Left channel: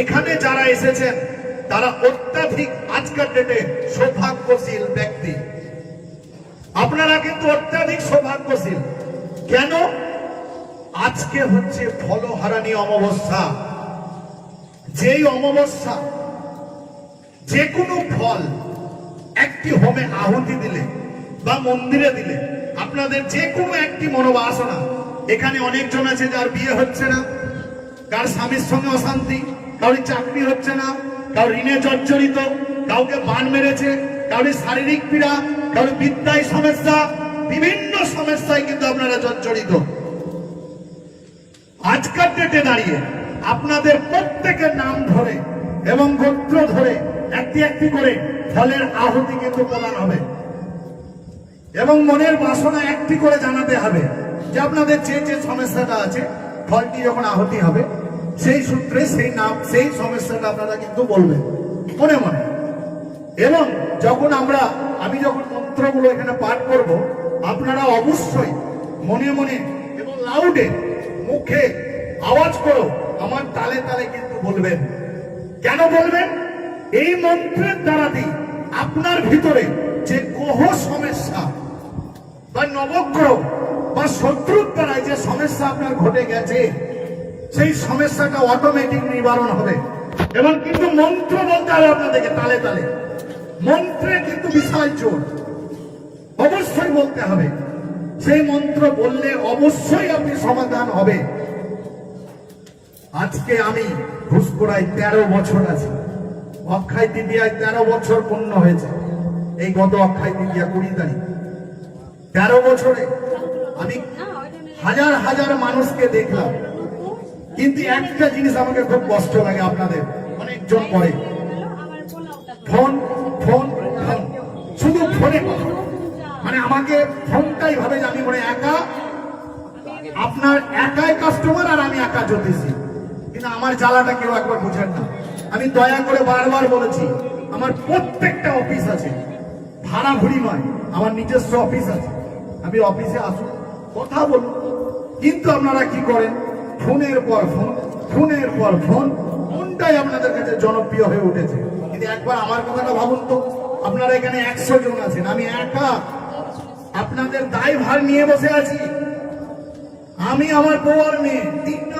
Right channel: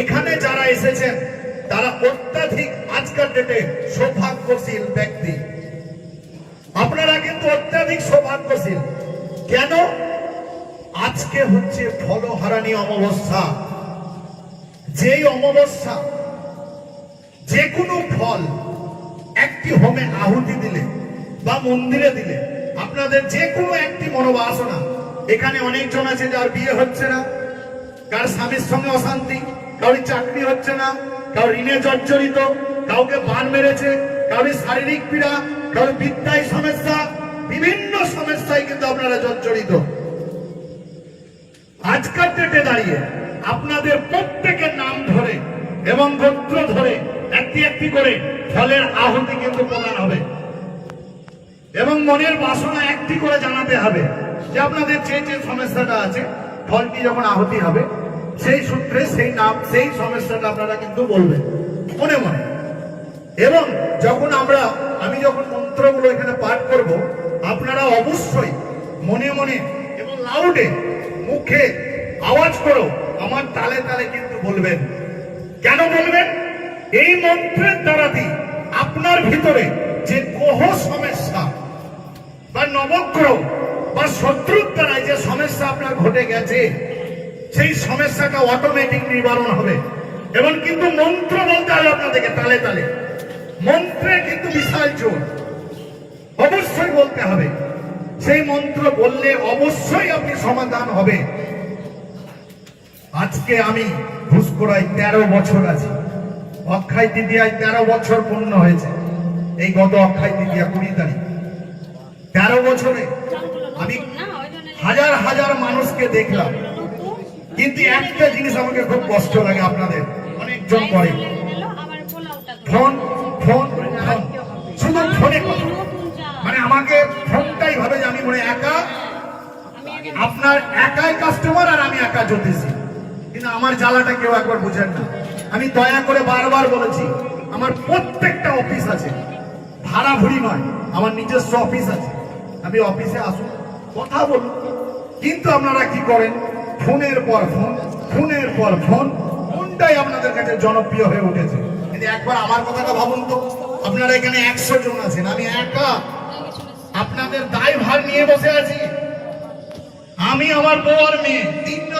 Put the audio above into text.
এখানে যারা এসেছেন তারা অত্যাধিক আজকের ডেটে সৌভাগ্যশীল ব্যক্তি। আপনারা কিন্তু অত্যাধিক সৌভাগ্যশীল। কেন? আজকে হচ্ছে ফলহারানি অমাবস্যা। যেই অমাবস্যা যে কোনো ফল একটি হোমে আহুতি দিলে বা মন্দিরে দিলে আপনাদের যে কোনো একটি মনোবাসনা, এখানে অনেকজন আছে যার বিয়ে হচ্ছে না, কার স্বামীর সঙ্গে অশান্তি, কারোর চাকরি হচ্ছে না, কারোর ঋণে জর্জরিত, কাউকে বান মেরেছে, কারোর শারীরিক পীড়া, কারোর বিদ্যায় সমস্যা, বিভিন্ন সমস্যায় কিন্তু আপনারা জর্জরিত। আজকের ডেটে দাঁড়িয়ে আপনাদের প্রত্যেকের নাম ধরে এবং গোত্র ধরে একটি একটি করে ফলের আহুতি কিন্তু প্রদান হবে এবং মনের বাসনা একটি করে জানাতে হবে যে আপনাদের যে সমস্যাটা আছে, ফলটি যখন আহুতি হবে সেই সূত্রে সেই নাম সেই সমস্যাটা আপনারা কিন্তু বলবেন মনে মনে। এবং যখন আমি যখন মন্ত্রগুলো এখানে পাঠ করব, আপনারা অবশ্যই মনে মনে এবং লাউডে মুখে আওয়াজ করো আমার তালে তালে কিন্তু বলবেন। কেন বলবেন? এই মন্ত্রের দ্বারাতে আপনার ভিতরে যে গ্রহ সমস্যা বা নবগ্রহ বা শত্রুর দ্বারা যে সমস্যা আপনার ঘটে গেছে, সেই সমস্যাটা অটোমেটিক নিবারণ হবে। এবং কিন্তু মন্ত্র বলতে হবে আপনাদেরকে তালে তালে। মন্ত্রে কিন্তু বিশাল জোর, অবশ্যই বলতে হবে। সেই মন্ত্র বললে অবশ্যই আপনি সমাধান হবে। আজকে আমি ঘুষকোড়ায় 13 বছর আছি। অক্ষয় তৃতীয়ায় 13 বছর পূর্ণ হয়েছে। এই গত অক্ষয় তৃতীয়া 20 তারিখ। 13 বছরে আমি হাজার হাজার মানুষকে দেখলাম, কিন্তু একটা জিনিস আমাকে খুব কষ্ট লাগে। আপনাদের অনেকজন করে ফোন ফোন ফোন, শুধু ফোনে কথা। মানে আমাকে ফোনটাই ভাবে যে আমি মনে একা, আপনার একাই কাস্টমার আর আমি একা জ্যোতিষী। কিন্তু আমার জ্বালাটা কেউ একবার বুঝেন না। আমি দয়া করে বারবার বলেছি, আমার প্রত্যেকটা অফিস আছে, ভাড়া ভুড়ি নয়, আমার নিজস্ব অফিস আছে। আমি অফিসে আসুন, কথা বলুন। কিন্তু আপনারা কি করেন? ফোনের পর ফোন, ফোনের পর ফোন। কোনটাই আপনাদের কাছে জনপ্রিয় হয়ে উঠেছে? কিন্তু একবার আমার কথাটা ভাবুন তো, আপনারা এখানে 100 জন আছেন, আমি একা আপনাদের দায়ভার নিয়ে বসে আছি। আমি, আমার বউ আর মেয়ে,